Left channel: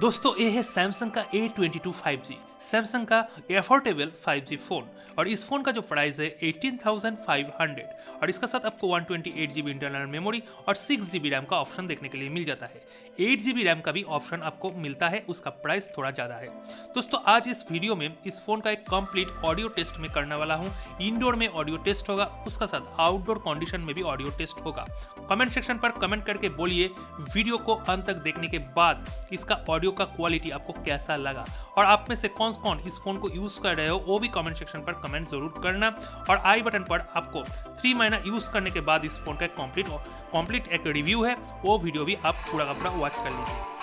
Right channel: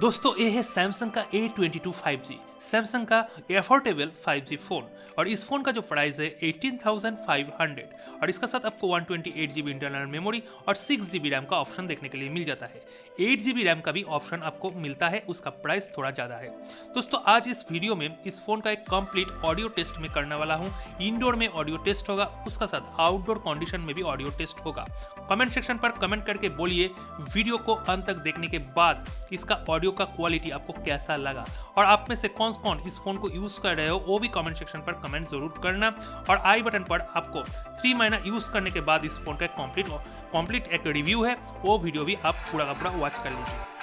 दोस्तों ये है सैमसंग का A22 5G, सैमसंग का एफोर्डेबल 5G फ़ोन। और इस फ़ोन का जो प्राइस है 18,500 और इसका साथ आपको 128GB इंटरनल मेमोरी और 6GB रैम का ऑप्शन देखने के लिए मिल जाता है। 8GB रैम का भी ऑप्शन आपको मिलता है, उसका प्राइस थोड़ा ज़्यादा है। दोस्तों आज इस वीडियो में इस फ़ोन का एक कंप्लीट ऑडियो टेस्ट में करने वाला हूँ। इंडोर में ऑडियो टेस्ट होगा, उसका साथ आउटडोर कंडीशन में भी ऑडियो टेस्ट होगा। कमेंट सेक्शन पर कमेंट करके बोलिए वीडियो को अंत तक देखने के बाद इसका ऑडियो का क्वालिटी आपको कैसा लगा, और आप में से कौन कौन इस फोन को यूज कर रहे हो वो भी कमेंट सेक्शन पर कमेंट जरूर करना। और आई बटन पर आपको 3 महीना यूज करने के बाद इस फोन का कंप्लीट एक रिव्यू है, वो वीडियो भी आप पूरा का पूरा वॉच कर लीजिए।